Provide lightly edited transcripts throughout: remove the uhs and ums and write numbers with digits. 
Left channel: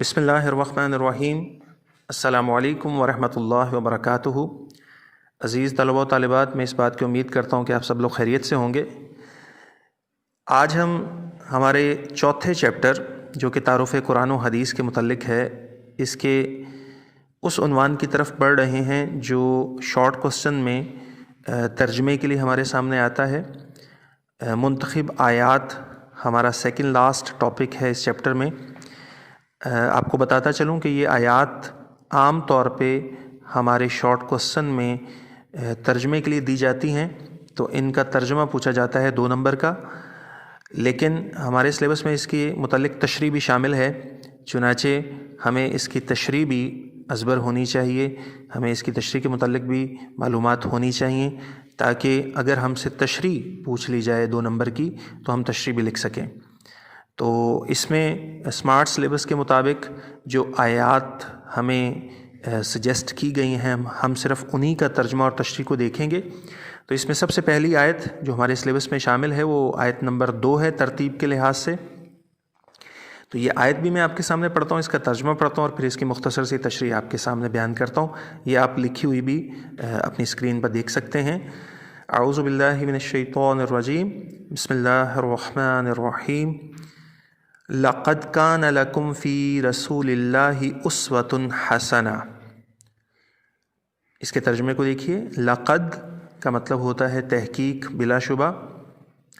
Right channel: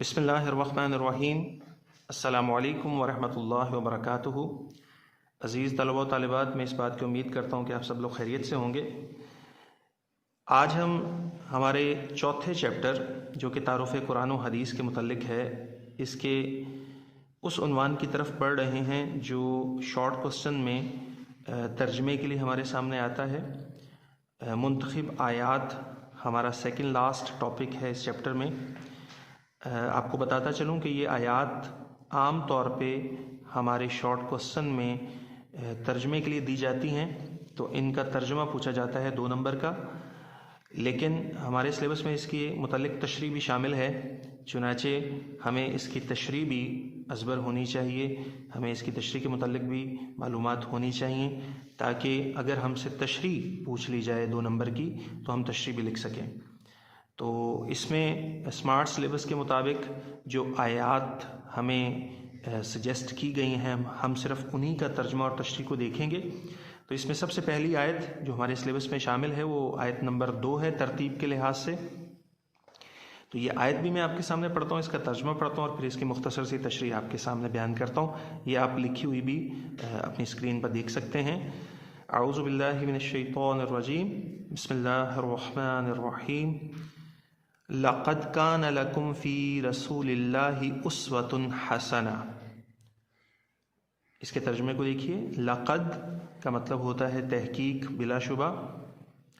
بسم اللہ الرحمن الرحیم۔ السلام علیکم ورحمۃ اللہ وبرکاتہ۔ عزیز طلبہ و طالبات، میں اس بات کی امید کرتا ہوں کہ آپ سب لوگ خیریت سے ہوں گے۔ آج ہم ہمارے چوتھے چیپٹر جو کہ تعارف قرآن و حدیث کے متعلق ہے، اس کے اس عنوان کی طرف بڑھ رہے ہیں جو شارٹ کوسچن میں ترجمے کے لیے ہمارے سامنے آتا ہے۔ منتخب آیات ہمارا سیکنڈ لاسٹ ٹاپک ہے اس چیپٹر میں۔ آپ کو بتاتا چلوں کہ یہ آیات عام طور پہ ہمارے شارٹ کوسچن میں ترجمے کے لیے دی جاتی ہیں، تو ان کا ترجمہ پوچھا جاتا ہے 2 نمبر کا، لیکن ہمارے سلیبس میں اس کی متعلق تشریح بھی شامل ہے، چنانچہ ہمیں اس کی تشریح بھی ازبر ہونی چاہیے، ہمیں اس کی تشریح کے متعلق بھی معلومات ہونی چاہیے، تاکہ اگر ہم سے تشریح پوچھ لی جائے 2 نمبر کی تو ہم تشریح بھی لکھ سکیں۔ تو اس میں اسمارٹ سلیبس کے مطابق جو آیات ہمیں سجیسٹ کی گئی ہیں، ہم صرف انہی کا ترجمہ اور تشریح کو دیکھیں گے۔ تو اس میں سب سے پہلی آیت جو ہمارے سلیبس میں شامل ہے وہ آیت نمبر 2 ہے ترتیب کے لحاظ سے۔ تو یہ آیت بھی میں آپ کے سامنے پڑھتا ہوں، اس کا ترجمہ پڑھتا ہوں اور پھر اس کی مختصر سی تشریح آپ کے سامنے بیان کرتا ہوں۔ یہ آپ لکھی ہوئی بھی اپنی اسکرین پر دیکھ سکتے ہیں۔ اعوذ باللہ من الشیطان الرجیم، بسم اللہ الرحمن الرحیم۔ لقد کان لکم فی رسول اللہ اسوۃ حسنہ۔ اس کے ترجمے کو دیکھیے۔ لقد کا مطلب ہوتا ہے تحقیق، بلا شبہ،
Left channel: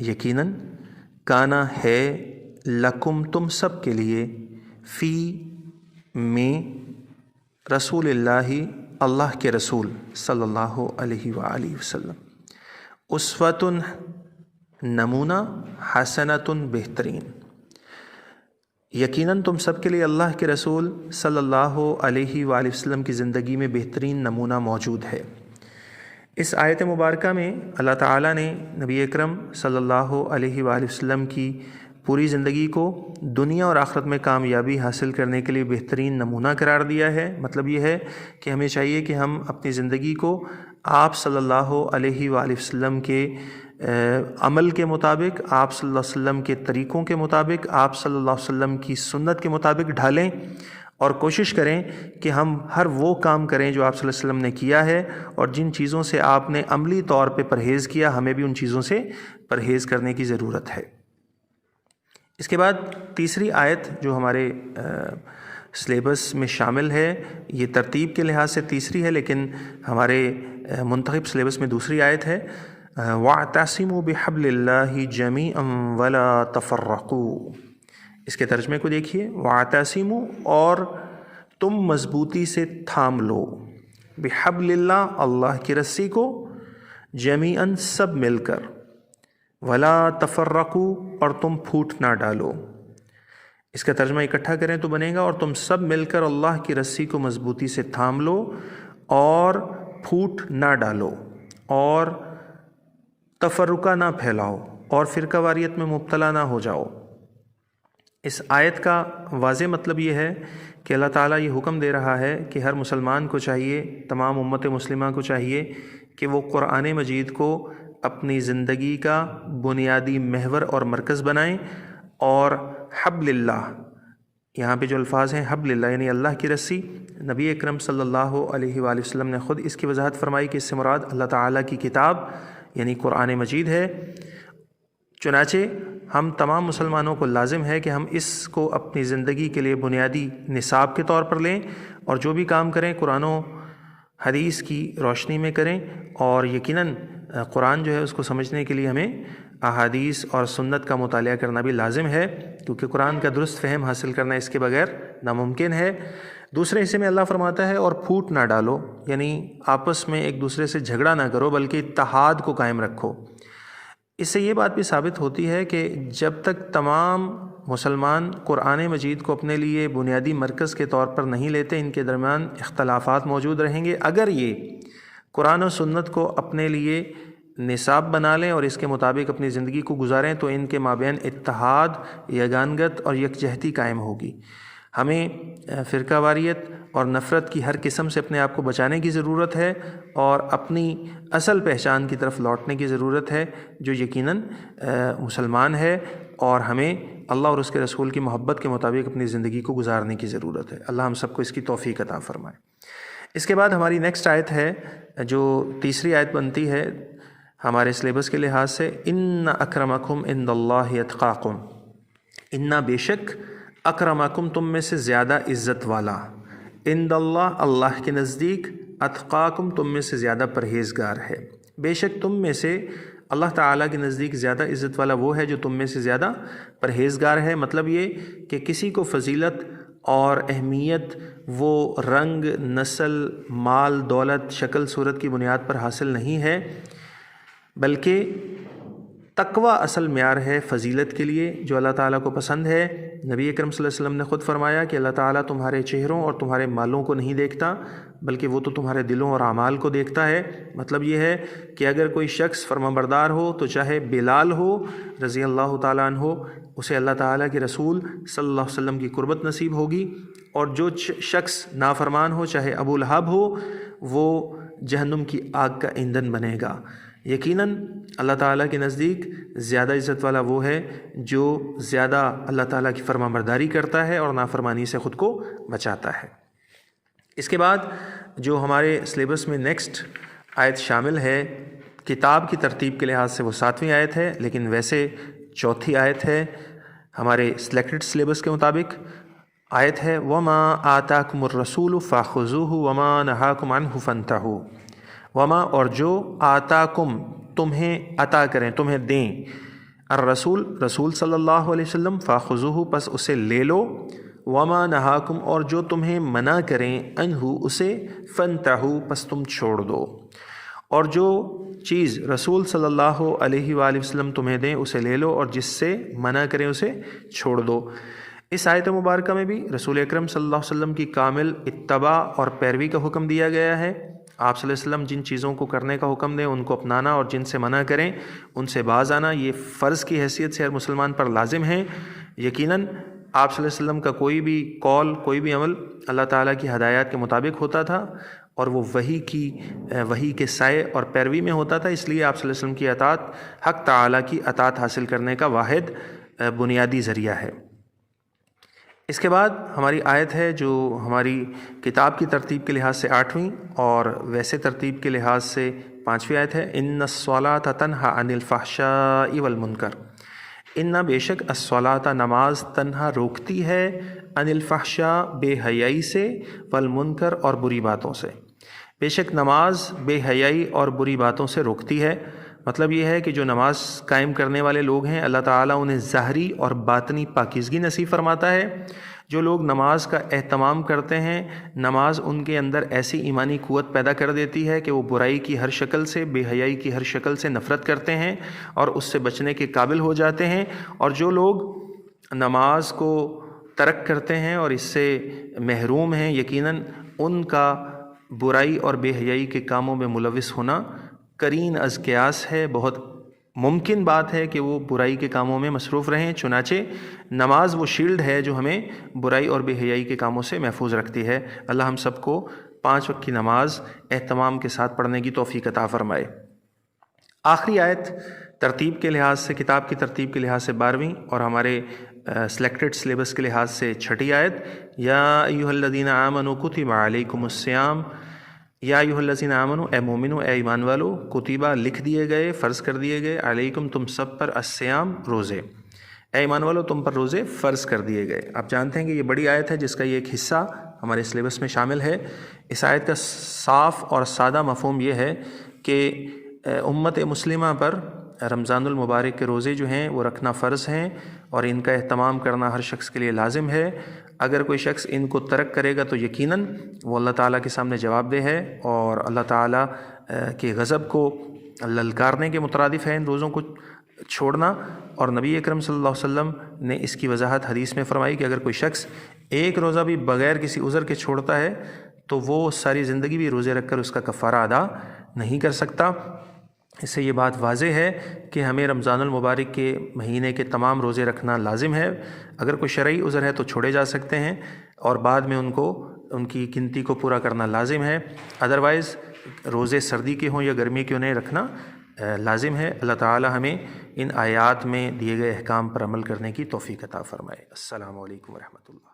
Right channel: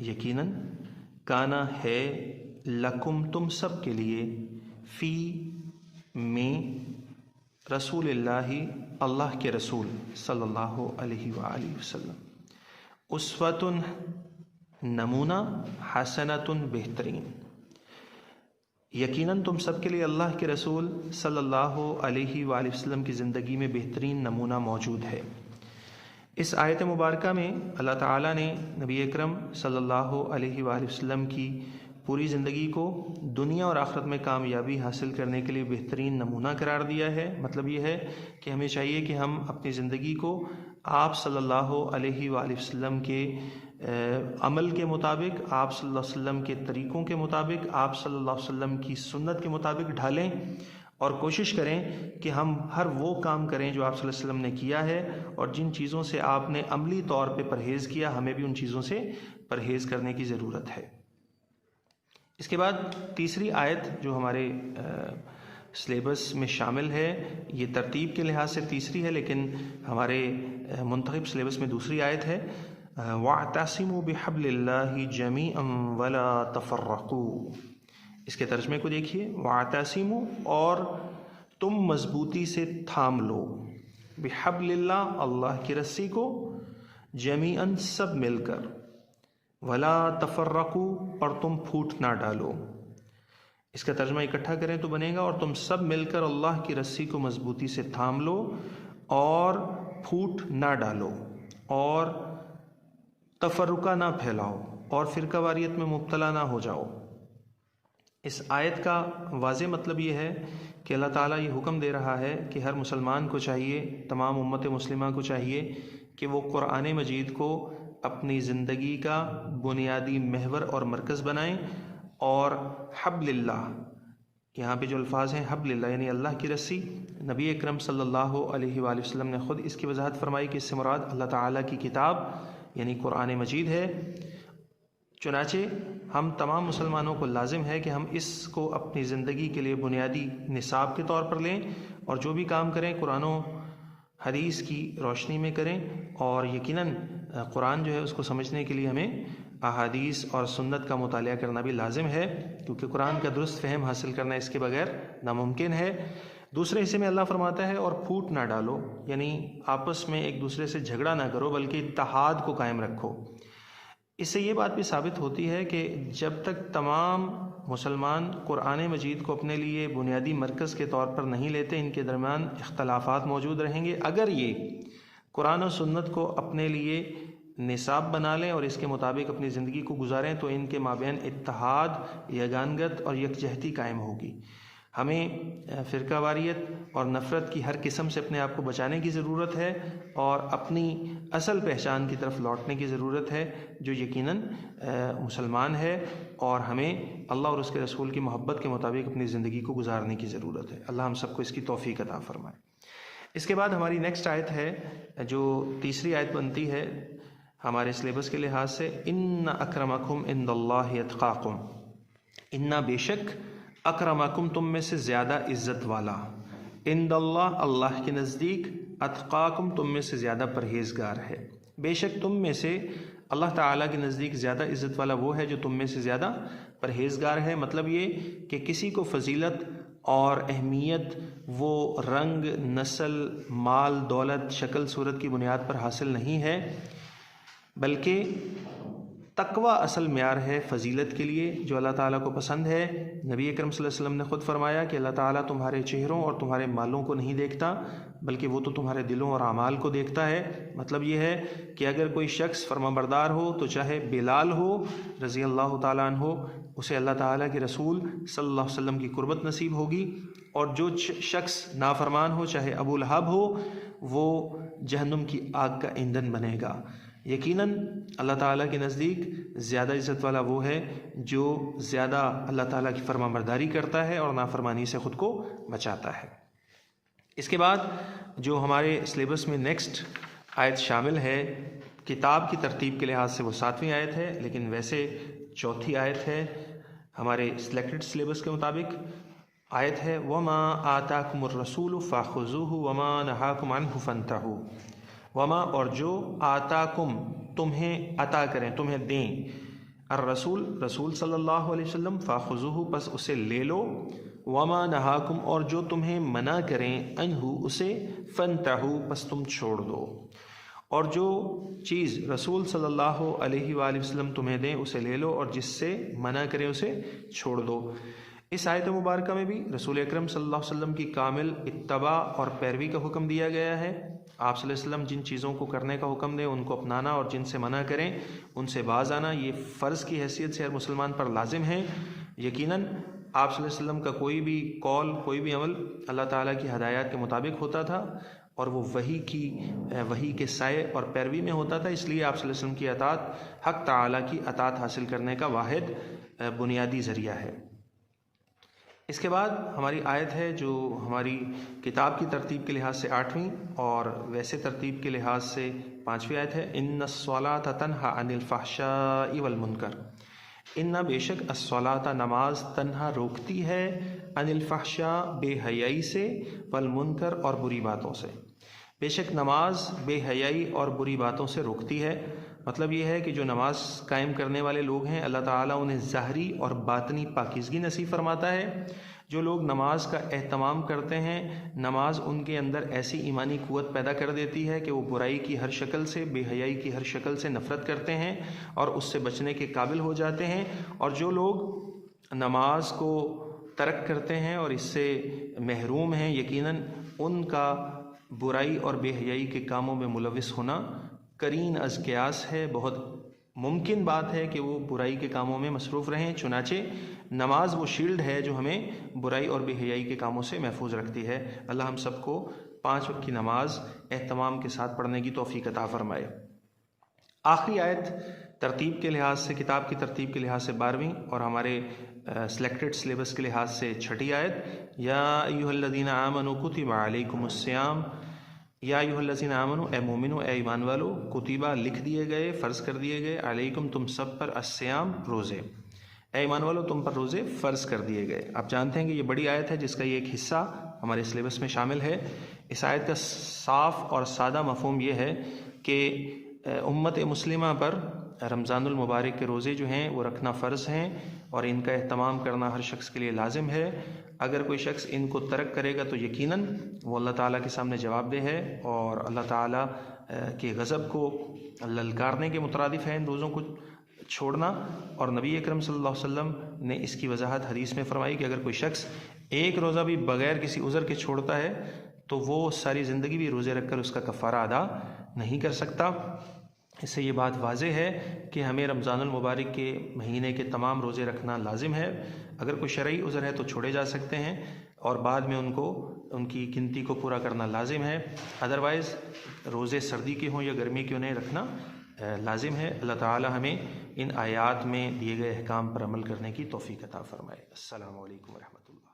یقیناً، کانا ہے، لکم تم سب کے لیے، فی میں، رسول اللہ اللہ کے رسول صلی اللہ علیہ وآلہ وسلم، اسوۃ نمونہ، حسنۃ بہترین، یقیناً تم سب کے لیے اللہ کے رسول صلی اللہ علیہ وآلہ وسلم کی زندگی میں بہترین نمونہ موجود ہے۔ اس آیت مبارکہ میں اللہ تعالیٰ نے نبی اکرم صلی اللہ علیہ وآلہ وسلم کی پوری زندگی کو دنیا اور آخرت میں کامیابی حاصل کرنے کے لیے بہترین نمونہ قرار دیا ہے۔ مطلب یہ ہے کہ ہمیں چاہیے کہ ہم اپنی زندگی کو آپ صلی اللہ علیہ وآلہ وسلم کے عمل کے مطابق، آپ صلی اللہ علیہ وسلم کے طریقوں کے مطابق، آپ صلی اللہ علیہ وسلم کی سنت کے مطابق ڈھالیں، اور کوشش کریں کہ ہم ہر وہ کام کریں جو آپ صلی اللہ علیہ وسلم نے کیا ہے، اور جن چیزوں سے آپ نے عملی طور پہ پرہیز کیا، ہمیں بھی ان چیزوں سے پرہیز کرنے کی ضرورت ہے۔ اس کے بعد تیسری آیت جو ہمارے سلیبس میں شامل ہے، یہ ترتیب کے لحاظ سے تیسری ہے، لیکن ہمارے منتخب سلیبس میں دوسری آیت ہے۔ وَاعْتَصِمُوا بِحَبْلِ اللَّهِ جَمِيعًا وَلَا تَفَرَّقُوا۔ اس کے ترجمے کو دیکھیے۔ وَاعْتَصِمُوا، اور تم مضبوطی سے تھام لو، بِحَبْلِ اللَّهِ، اللہ کی رسی کو، جَمِيعًا، سب مل کر، وَلَا تَفَرَّقُوا، اور تم پھوٹ نہ ڈالو۔ اس کا ترجمہ اکٹھا کریں تو بنے گا، اور تم سب مل کر اللہ کی رسی کو مضبوطی سے تھام لو اور پھوٹ نہ ڈالو، اور تفرقہ نہ پھیلاؤ، اور فرقہ واریت میں مبتلا نہ ہو جاؤ۔ اس آیت کا واضح مطلب یہ ہے کہ اللہ تعالیٰ یہ حکم دے رہا ہے کہ ہر مسلمان کو چاہیے، تمام امت مسلمہ کو چاہیے کہ وہ قرآن مجید کو اپنی زندگی کا بنیادی محور اور مرکز بنائیں، اور حبل اللہ، یہاں پہ جو الفاظ ہیں حبل اللہ یعنی اللہ کی رسی، نبی اکرم صلی اللہ علیہ وآلہ وسلم نے خود اس کی وضاحت فرمائی کہ اس سے مراد اللہ تعالیٰ کی کتاب یعنی قرآن مجید ہے۔ چنانچہ ہم تمام مسلمانوں کو لازم ہے کہ ہم اس کو اپنی زندگی کے لیے بنیادی نصاب کے طور پر لیں، اور جو بھی کام کریں قرآن و حدیث کی روشنی میں کریں، اور یقیناً قرآن جو ہے اس کو سمجھنے کے لیے ہمیں احادیث اور سنت کا مطالعہ کرنا بھی لازم ہے، کیونکہ قرآن کا درست فہم حاصل کرنا اس کے بغیر ناممکن ہے۔ دوسرے حصے میں اللہ فرماتا ہے اور پھوٹ نہ ڈالو، یعنی آپس میں ایک دوسرے سے جھگڑا نہ کرو بلکہ اتحاد کو قائم رکھو۔ اس سے یہ بات بھی ثابت ہوتی ہے کہ جب تک تمام مسلمان قرآن مجید کو اپنے لیے بنیادی مرکز کے طور پر نہیں لیتے، ان کے درمیان اختلافات موجود رہیں گے۔ اگر یہ قرآن و سنت کو اپنے لیے نصاب بنا لیں اور اس کے مطابق اپنی زندگی کو گزاریں تو ان کے مابین اتحاد، یگانگت اور یکجہتی قائم ہوگی۔ ہمیں فرقہ واریت اور نفرت کی ہر قسم سے اپنے آپ کو بچانے کی ضرورت ہے، اور اپنی اصل پہچان کی طرف لوٹنے کی ضرورت ہے جو یقیناً مسلمان ہے، اور ہمیں اللہ اور اس کے رسول کی محبت کے مطابق اپنی زندگی کو گزارنے کی ضرورت ہے۔ اللہ ہم سب کو اس کی توفیق عطا فرمائے۔ اس کے بعد ہماری نیکسٹ آیت ہے جو تیسری آیت بنتی ہے ہمارے سلیبس کے لحاظ سے، ان اکرمکم عند اللہ اتقاکم، انا بے شک اکرمکم تم میں سے زیادہ عزت والا، عند اللہ اللہ کے نزدیک، اتقاکم تم میں سے زیادہ پرہیزگار ہے۔ بے شک تم میں سے اللہ تعالیٰ کے نزدیک زیادہ عزت والا وہ ہے جو تم میں سے زیادہ پرہیزگار ہے۔ مطلب یہ کہ کسی کو فضیلت اور اہمیت وہ رنگ، نسل، مال، دولت، شکل صورت کی بنیاد پر حاصل نہیں ہے، بلکہ تقوی اصل معیار ہے فضیلت کے لیے جو اللہ تعالیٰ کو پسند ہے۔ نبی اکرم صلی اللہ علیہ وسلم نے خود فرمایا کہ اللہ تعالیٰ تمہارے چہروں اور تمہارے مالوں کو نہیں دیکھتا، بلکہ وہ تو تمہارے دلوں اور اعمال کو دیکھتا ہے۔ مطلب یہ ہے کہ اگر کوئی شخص فرمانبردار ہو تو چاہے بلال ہو رضی اللہ تعالیٰ عنہ، اسے اللہ تعالیٰ کے رسول صلی اللہ علیہ وسلم کی قربت نصیب ہوگی، اور جو شخص نافرمان ہو چاہے ابو لہب ہو وہ جہنم کی آگ کا ایندھن بنے گا۔ یقیناً اللہ تعالیٰ کے نزدیک زیادہ عزت والا وہ ہے جو زیادہ اللہ تعالیٰ کی فرمانبرداری کرتا ہے اور نافرمانی سے خود کو بچاتا ہے۔ اس کے بعد جو ہمارے سلیبس میں نیکسٹ آیت شامل ہے کتاب کی ترتیب کے لحاظ سے وہ 7ویں آیت ہے، لیکن ویسے چوتھی آیت ہے ہمارے سلیکٹڈ سلیبس کے مطابق۔ آیت ہے وَمَا آتَاكُمُ الرَّسُولُ فَخُذُوهُ وَمَا نَهَاكُمْ عَنْهُ فَانْتَهُوا، وما اور جو آتاکم تمہیں عطا کریں، تمہیں دیں، الرسول رسول صلی اللہ علیہ وسلم، فاخذوہ پس اسے لے لو، وما نہاکم اور جو تمہیں منع کریں، عنہ اسے، فانتہو پس تم چھوڑ دو۔ اور جو چیز رسول صلی اللہ علیہ وآلہ وسلم تمہیں دیں اسے لے لو، اور جس سے منع کریں اسے چھوڑ دو۔ اس آیت مبارکہ میں بھی رسول اکرم صلی اللہ علیہ وسلم کی کامل اتباع اور پیروی کا حکم دیا گیا ہے۔ آپ صلی اللہ علیہ وسلم جن چیزوں کو کرنے کا حکم دیں ان کو اپنانا، اور جن سے منع کریں ان سے باز آنا، یہ فرض کی حیثیت سے ہر مسلمان پر لازم ہے۔ یقیناً آپ صلی اللہ علیہ وسلم کا کوئی بھی قول، کوئی بھی عمل اللہ تعالیٰ کی ہدایات کے مطابق ہوتا تھا، اور وہ وحی کے سائے اور پیروی میں ہوتا تھا، اس لیے آپ صلی اللہ علیہ وسلم کی اطاعت حق تعالیٰ کی اطاعت حاصل کرنے کا واحد بنیادی ذریعہ ہے۔ اس کے بعد ہماری آیت ہے جو ہماری کتاب کی ترتیب کے لحاظ سے 8ویں اور ویسے ترتیب کے لحاظ سے 5ویں آیت ہے، ان الصلاۃ تنہی عن الفحشاء والمنکر، ان بے شک الصلاۃ نماز تنہا روکتی ہے، عن الفحشاء بے حیائی سے، والمنکر اور بری باتوں سے۔ بے شک نماز بے حیائی اور بری باتوں سے روکتی ہے۔ مطلب یہ ہے کہ جو نماز قائم کرنے والے لوگ ہیں اللہ تعالیٰ انہیں ظاہری اور باطنی پاکیزگی نصیب فرماتا ہے۔ جو لوگ نماز کا اہتمام کرتے ہیں، نماز ان کے اندر ایسی ایمانی قوت پیدا کر دیتی ہے کہ وہ برائی کی ہر شکل سے، بے حیائی کی ہر شکل سے نفرت کرتے ہیں اور اس سے بچنے کے قابل ہو جاتے ہیں۔ اور جو لوگ نماز کو ترک کرتے ہیں اور اس سے محروم ہیں، یقیناً ان کا برائی اور بے حیائی کے کاموں میں ملوث ہونا قرین از قیاس ہے۔ بہت ممکن بات ہے کہ وہ برائی کے کاموں میں مصروف رہیں، چنانچہ نماز وہ شیلڈ ہے جو ہمیں برائی اور بے حیائی کے کاموں سے محفوظ رکھتی ہے۔ اللہ ہم سب کو 5 وقت کی نماز اہتمام کے ساتھ پڑھنے کی توفیق عطا فرمائے۔ آخری آیت ترتیب کے لحاظ سے، کتاب کی ترتیب کے لحاظ سے 12ویں اور ہمارے سلیکٹڈ سلیبس کے لحاظ سے 6ٹھی آیت، یا ایھا الذین آمنوا کتب علیکم الصیام، یا ایھا الذین آمنوا اے مومنو، اے ایمان والو، کتبہ لکھ دیے گئے، فرض کر دیے گئے، علیکم تم سب پر، الصیام روزے، اے ایمان والو تم پر روزے فرض کر دیے گئے۔ آپ جانتے ہیں کہ یہ بڑی آیت ہے جس کا یہ ایک حصہ ہمارے سلیبس میں شامل ہے۔ اس آیت کا صاف اور سادہ مفہوم یہ ہے کہ امت مسلمہ پر رمضان المبارک کے روزے جو ہیں وہ رکھنا فرض ہیں، اور ان کا اہتمام کرنا ہر شخص کے لیے لازم ہے۔ اگر کوئی شخص ان کو ترک کرے گا تو یقیناً وہ اللہ تعالیٰ کے سامنے جواب دہ ہے، اور اللہ تعالیٰ کے غضب کو للکارنے کے مترادف ہے ان روزوں کو چھوڑنا۔ اور نبی اکرم صلی اللہ علیہ وسلم نے اس کی وضاحت حدیث میں فرمائی کہ اگر کوئی شخص ایک روزہ بھی بغیر کسی عذر کے چھوڑتا ہے تو وہ ساری زندگی بھی روزے رکھ کر اس کا کفارہ ادا نہیں کر سکتا۔ اس سے یہ بات واضح ہے کہ ہمیں رمضان المبارک کے مہینے کے تمام روزے رکھنا لازم ہے۔ اگر کوئی شرعی عذر ہے تو چھوڑے جا سکتے ہیں، اور بعد میں ان کی گنتی کو پورا کرنا لازم ہے۔ ادروائز روزے سردی کے ہوں یا گرمی کے انہیں رکھنا لازم ہے۔ اللہ تعالی ہمیں ان آیات میں دیے گئے احکام پر عمل کرنے کی توفیق عطا فرمائے۔ السلام علیکم ورحمۃ اللہ۔